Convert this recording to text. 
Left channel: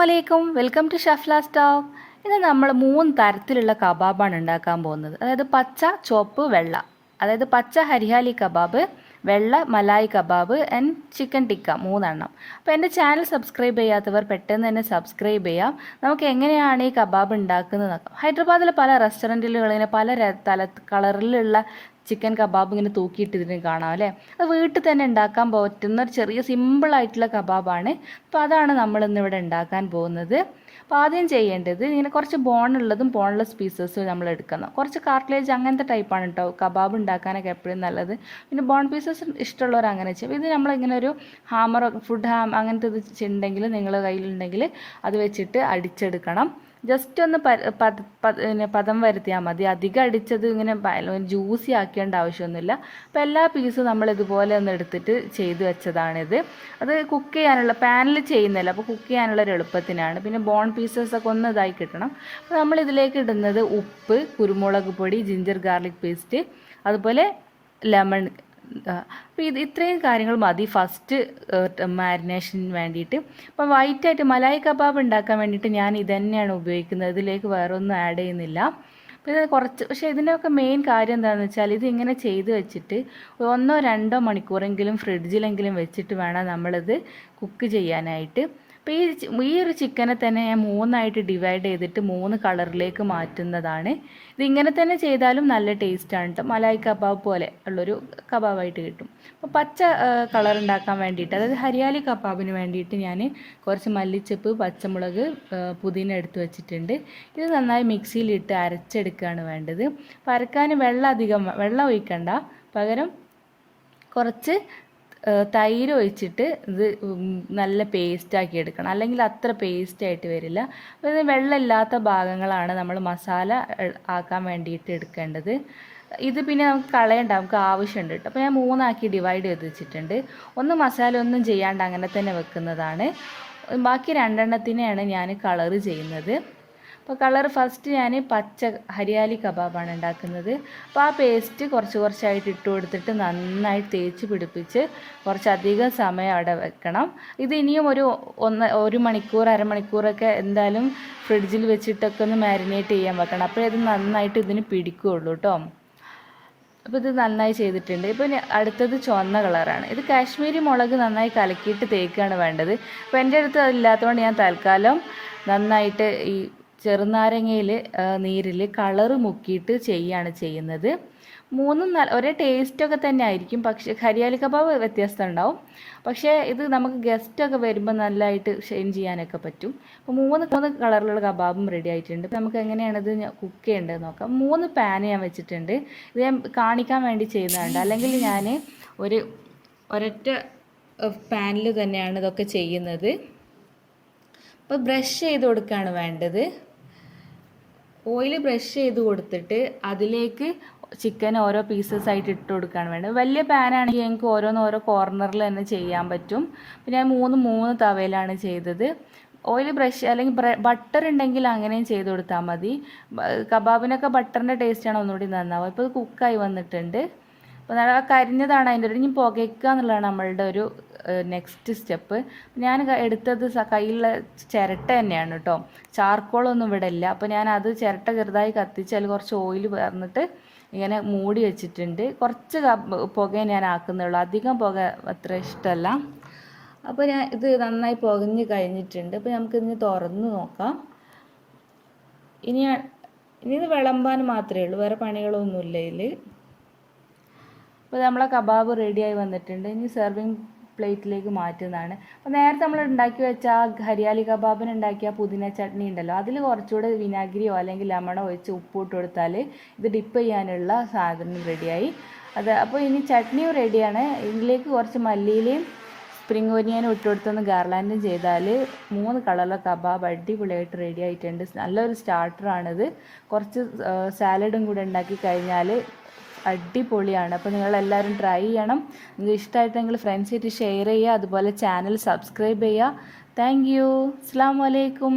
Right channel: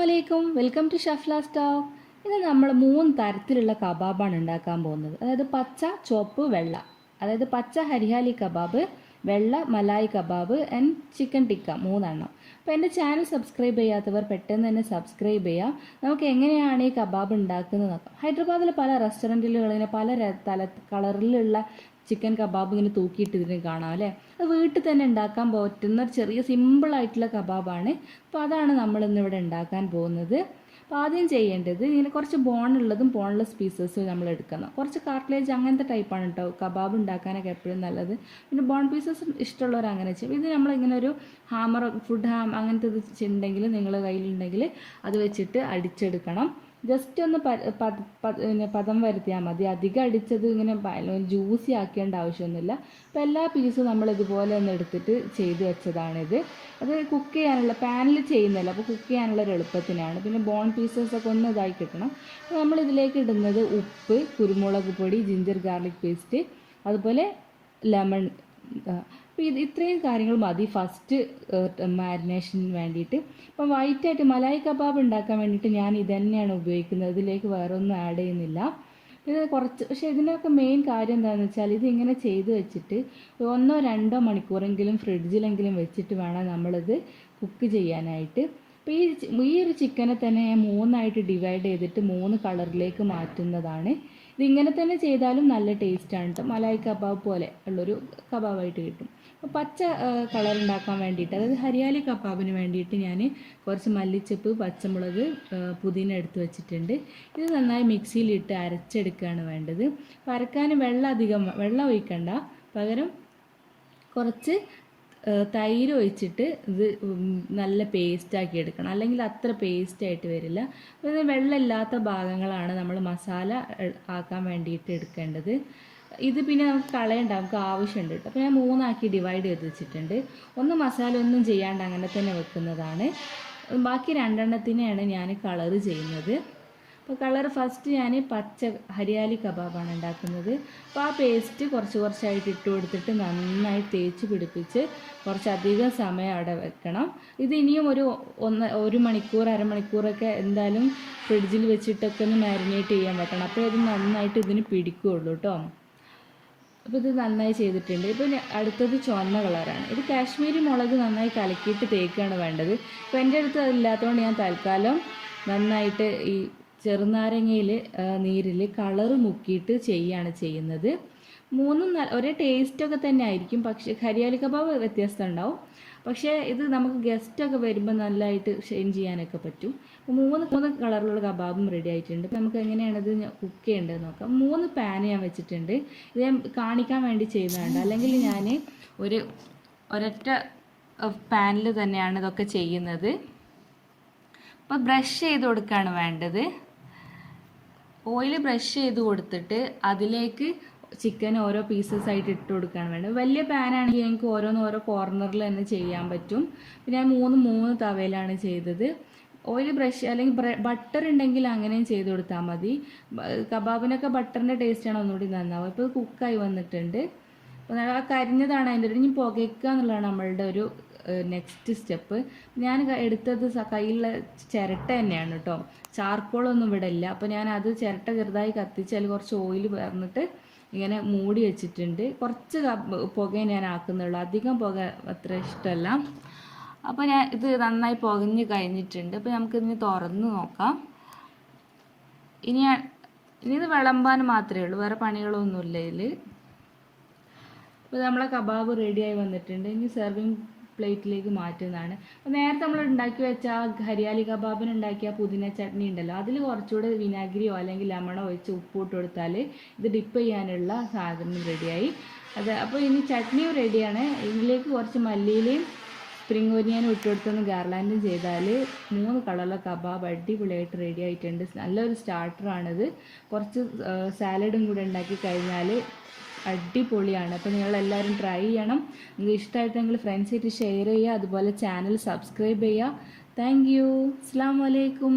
അസ്സലാമലൈക്കും, welcome to ഷഫ്ല stock. ഇത് നമ്മൾ 3 തരത്തിലുള്ള കബാബാണ് ഉണ്ടാക്കാൻ പോകുന്നത്. അതായത് പച്ച, ചുവപ്പ്, വെള്ള. അതായത് പച്ച ഹരിയാലി കബാബ്, വെള്ള malai kebab and chicken tikka 3 എണ്ണം. അപ്പോൾ എൻ്റെ ചാനൽ സബ്സ്ക്രൈബ് ചെയ്യാത്തവർ പെട്ടെന്ന് തന്നെ സബ്സ്ക്രൈബ് ചെയ്യാം. നമുക്ക് എങ്ങനെയാണ് ഈ കബാബ് ഉണ്ടാക്കുന്നത് നോക്കാം. ഹൈദരാബാദിലെ പല റെസ്റ്റോറൻറ്റുകളിൽ ഇങ്ങനെ പല കളറിലുള്ള ചിക്കൻ കബാബ് ഇങ്ങനെ തൂക്കിയിട്ട് ഇതിന് കാണാം അല്ലേ. അത് വീട്ടിൽ തന്നെ ഉണ്ടാക്കാൻ പറ്റുന്ന ഒരു ചെറിയ സിമ്പിളായിട്ടുള്ള കബാബാണ്. അപ്പോൾ അതാണ് നമ്മളിന്നിവിടെ ഉണ്ടാക്കാൻ പോകുന്നത്. അപ്പോൾ ആദ്യം ചെയ്യേണ്ടത് ഇങ്ങനെ കുറച്ച് ബോണുള്ളതും ബോൺലെസ് പീസസും നമ്മൾ എടുക്കണം. കുറച്ച് കാർട്ടിലേജ് അങ്ങനത്തെ ടൈപ്പാണ് കേട്ടോ കബാബ് ഉണ്ടാക്കാനൊക്കെ എപ്പോഴും നല്ലത്. പിന്നെ ബോൺ പീസസ് ഇഷ്ടമുള്ളവർ അങ്ങനെ ചെയ്യും. ഇത് നമ്മളിങ്ങനെ ഒരു ഹാമർ ഫുഡ് അങ്ങനത്തെ ഇത് ഉണ്ടെങ്കിൽ നിങ്ങളുടെ കയ്യിലുണ്ടെങ്കിൽ അത് വെച്ചിട്ട് അടിച്ചെടുക്കണം. ജസ്റ്റ് ഒന്ന് പദം വരുത്തിയാൽ മതി. അധികം അടിച്ചത് ഇങ്ങനെ ജ്യൂസി ആക്കേണ്ട ആവശ്യമൊന്നുമില്ല. അപ്പോൾ എല്ലാ പീസും നമ്മൾ ഇതുപോലെ ഒന്ന് എടുത്തിട്ട് ചെയ്ത് വെച്ചതാണിത്. അത് കുക്ക് ചെയ്യാനുള്ള പാനിൽ ചെയ്യുന്നില്ല, അപ്പോൾ കുക്ക് ചെയ്യാനുള്ള ഒരു എളുപ്പത്തിനാണ്. പിന്നെ ബോൺ പീസസൊക്കെ ഒന്ന് ഇതായി കിട്ടണം. അപ്പോൾ നമ്മളിതിലേക്ക് ഇടുന്നത് ഉപ്പ്, കുരുമുളക് പൊടി, ജിഞ്ചർ ഗാർലിക് പേസ്റ്റ്, അതുപോലെ ലെമൺ. അപ്പോൾ ഇത്രയും കാര്യങ്ങൾ മതി ഫസ്റ്റ് മാരിനേഷന് വേണ്ടിയിട്ട്. അപ്പോൾ വൈറ്റായിട്ട് മലായി കബാബ് ഉണ്ടാക്കാൻ വേണ്ടിയിട്ട് ഞാൻ ഇതുതന്നെയാണ് ഉപയോഗിക്കുന്നത്. ഇതിലേക്ക് വേറെ ഒന്നും ആഡ് ചെയ്യുന്നില്ല. അപ്പോൾ ഇത് കുറച്ച്, പക്ഷേ ഇതിൻ്റെയൊക്കെ മെയിൻ കാര്യം എന്താണെന്ന് വെച്ചാൽ ഇതിങ്ങനെ ചെയ്ത് വെച്ചിട്ട് 1-2 മണിക്കൂറെങ്കിലും ഫ്രിഡ്ജിലെങ്കിലും വെച്ചിട്ട് വേണം നമ്മളിത് കുക്ക് ചെയ്യാനായിട്ട്. അപ്പോൾ ഈ ഒരു ചിക്കനെ തന്നെ ഞാൻ 3ആയിട്ട് ഡിവൈഡ് ചെയ്തിട്ട് 3 കളറിലേക്ക് മാറ്റുന്നതാണ്. ഇതിങ്ങനെ തന്നെ ചെയ്താലും നല്ല ടേസ്റ്റാണ് കേട്ടോ. മലായി കബാബ് പോലെ ഉള്ളൊരു കബാബായിട്ട് കിട്ടും. അപ്പോൾ പച്ച കളർ ഉണ്ടാക്കാൻ വേണ്ടിയിട്ട്, അതായത് ഹരിയാലി കബാബിന് വേണ്ടിയിട്ട് ഞാൻ കുറച്ച് മല്ലിച്ചപ്പ്, പച്ചമുളക്, പുതിന എടുത്ത് വെച്ചിട്ടുണ്ട്. ഇത് നന്നായി മിക്സിയിലിട്ട് അരച്ചെടുക്കുകയാണ് വേണ്ടത്. അപ്പോൾ അരക്കാൻ വെള്ളം ഒഴിക്കണ്ട, പകരം കുറച്ച് തൈര് ഒഴിച്ചിട്ട് ഇത് നല്ല പേസ്റ്റാക്കി എടുക്കണം. അല്ലെങ്കിൽ അത്ര പേസ്റ്റായിട്ട് വരില്ല. അപ്പോൾ ഇത് വെള്ളമില്ലാത്ത ഭാഗങ്ങളാണ് നമ്മൾ മസാല ആക്കാൻ വേണ്ടിയിട്ട് എടുക്കേണ്ടത്. ഇത് പിന്നെ നമുക്ക് കളയണ്ട, നമുക്ക് ആവശ്യമുണ്ട് കേട്ടോ. അപ്പോൾ ഞാൻ 3ആക്കി ഡിവൈഡ് ചെയ്ത് വെച്ചിട്ടുണ്ട്. ഒന്ന് മസാല ഒന്നും ചെയ്യാണ്ട് അങ്ങനെ തന്നെ വെക്കുന്നതാണ്. ബാക്കി 2 എണ്ണത്തിനെയാണ് ഞാൻ കളറ് ചെയ്യുന്നത്. അപ്പോൾ കളർ ഫസ്റ്റ് ഞാൻ പച്ച ഹരിയാലി കബാബാണ് ഉണ്ടാക്കുന്നത്. അപ്പോൾ ആ പേസ്റ്റ് കുറച്ചായിട്ട് ഇട്ട് കൊടുത്തിട്ട് നന്നായി തേച്ച് പിടിപ്പിച്ച് കുറച്ചധികം സമയം അവിടെ വെക്കണം. ഇത് ഇനിയും ഒരു മണിക്കൂർ അരമണിക്കൂറൊക്കെ എന്തായാലും ഫ്രിഡ്ജിൽ വെച്ചിട്ടൊക്കെ ഒന്ന് മാരിനേറ്റ് ചെയ്യാൻ വെക്കണം. അപ്പോൾ ഇത് നന്നായിട്ട് ഇതിന് പിടിക്കുകയുള്ളൂ കേട്ടോ. അപ്പോൾ ഇത് നന്നായി ചെയ്തിട്ടുണ്ട്. ഇപ്പോൾ അടുത്തത് ചുവന്ന കളറാണ്. ഇത് കാശ്മീരി മുളക് നന്നായി കലക്കിയിട്ട് തേക്കുകയാണ് വേണ്ടത്. അപ്പോൾ എൻ്റെ അടുത്ത് അതില്ലാത്തതുകൊണ്ട് ഞാൻ തൽക്കാലം നന്നായിട്ട് ഈ ചെറുനാരങ്ങയിൽ നീരിൽ കളറ് മുക്കിയിട്ട് ചെയ്യുന്നത്. 3 ഒരേ ടേസ്റ്റൊക്കെ തന്നെ ആയിരിക്കും, പക്ഷേ ഹരിയാലി കബാബ് വ്യത്യാസം ഉണ്ടാവും. പക്ഷേ ഇത് നമുക്ക് ഗസ്റ്റൊക്കെ വരുമ്പോൾ നല്ലതായിട്ട് ഷെയിൻ ചെയ്യാനൊക്കെ പറ്റും. അപ്പോൾ 3 കളറിലുള്ള കബാബും റെഡി ആയിട്ടുണ്ട്. നമുക്ക് എങ്ങനെയാണിത് കുക്ക് ചെയ്യേണ്ടത് നോക്കാം. 3 പാൻ ഞാൻ വെച്ചിട്ടുണ്ട്. ഇത് ഞാൻ കാണിക്കാൻ വേണ്ടി ചെയ്യുന്നതുണ്ട്. അല്ലെങ്കിൽ ഞാൻ ഒരൊറ്റ പാനിൽ തന്നെയാണ് ഇതൊക്കെ ചെയ്യുന്നത്. അപ്പോൾ ബ്രഷ് ചെയ്ത് കൊടുക്കുകയാണ് വേണ്ടത്. ഓയിൽ ബ്രഷ് ചെയ്ത് കൊടുത്തിട്ട് അതിലേക്ക് ചിക്കൻ ഓരോ പീസസ് ആയിട്ട് ഇട്ട് കൊടുക്കുകയാണ് വേണ്ടത്. വലിയ പാനാണെങ്കിൽ എനിക്ക് ഓരോ കോർണറിൽ തന്നെ ചെയ്യാൻ പറ്റും. അപ്പോൾ ഞാൻ 3 തവയിലാണ് ചെയ്തത്. ഓയിൽ ബ്രഷ് അല്ലെങ്കിൽ ബട്ടർ ഉണ്ടെങ്കിൽ അങ്ങനെയും ചെയ്ത് കൊടുത്താൽ മതി. കബാബിനൊക്കെ ബട്ടറിൻ്റെ ടേസ്റ്റാണ് ഒന്നുകൂടി നന്നാവുക. ഇപ്പോൾ ഇത് കുക്കായി വന്നിട്ടുണ്ട്. അപ്പോൾ നല്ല കരിഞ്ഞതാണ് അതിൻ്റെ ഇനി പുകയ്ക്കുക എന്നുള്ളതാണ് നമ്മളുടെ ഒരു നെക്സ്റ്റ് സ്റ്റെപ്പ്. ഞാൻ എടുത്തത് കയ്യിലുള്ള ചിരട്ട തന്നെയാണ് കേട്ടോ. ചാർക്കോളൊന്നും ഇവിടെ ഇല്ല. അപ്പോൾ ഞാൻ അത് ചിരട്ട ചെറുതായി കത്തിച്ച് അതിൽ കുറച്ച് ഓയിൽ പറഞ്ഞിട്ട് ഇങ്ങനെ മൂടി വെച്ചിട്ടുണ്ട്. കുറച്ച് പുക ഞാൻ ആക്കുന്നുള്ളൂ, അധികം പുക അത്ര ഇഷ്ടമല്ല. അപ്പോൾ ഞാൻ ഇത് നന്നായി പുകഞ്ഞ് കഴിഞ്ഞിട്ടുണ്ട്. അപ്പോൾ നമുക്കിതിന് തുറന്ന് നോക്കാം. ഇനി ഇത് വിളമ്പാൻ മാത്രമേ ഉള്ളൂ, വേറെ പണികളൊന്നുമില്ല ഇതിൽ. അപ്പോൾ നമ്മളെ കബാബ് റെഡിയായി വന്നിട്ടുണ്ട്. ഇനി സെർവിങ് പ്ലേറ്റിലേക്ക് മാറ്റുന്നതാണ്. അപ്പോൾ നേരത്തെ നമ്മൾ ഉണ്ടാക്കി വെച്ച ആ ഹരിയാലി കബാബിന് ഉണ്ടാക്കിയ പുതിന ചട്നി ഉണ്ടല്ലോ, അതിൽ കുറച്ചുകൂടെ വിനാഗിരിയോ അല്ലെങ്കിൽ ലെമണോ ഒഴിച്ച് ഉപ്പിട്ട് കൊടുത്താൽ ഇത് ഡിപ്പ് ചെയ്യാനുള്ള സാധനം റെഡിയായി. അപ്പോൾ ഇനി ചട്നിയും റെഡിയാണ്. ഇതിലേക്ക് കുറച്ച് മല്ലിയിലയും സ്പ്രിംഗ് ഒനിയനും ഇട്ട് കൊടുത്തൊന്ന് ഗാർലാൻഡും ചെയ്താൽ 3 കളറിലെ കബാബ് അടിപൊളിയായിട്ട് റെഡി ആയിട്ടുണ്ട്. നല്ലൊരു സ്റ്റാർട്ടറാണിത്. കുറച്ച് സാലഡും കൂടെ ഉണ്ടാക്കി കഴിഞ്ഞാൽ അടിപൊളിയാണ്. അപ്പോൾ നിങ്ങളെല്ലാവരും ട്രൈ ചെയ്യണം. നിങ്ങൾക്ക് ഇഷ്ടമായിട്ടെങ്കിൽ ഫ്രണ്ട്സായിട്ട് ഷെയർ ചെയ്യുക, അതുപോലെ ചാനൽ സബ്സ്ക്രൈബ് ചെയ്യുക. Thank you. അസ്സലാമു അലൈക്കും.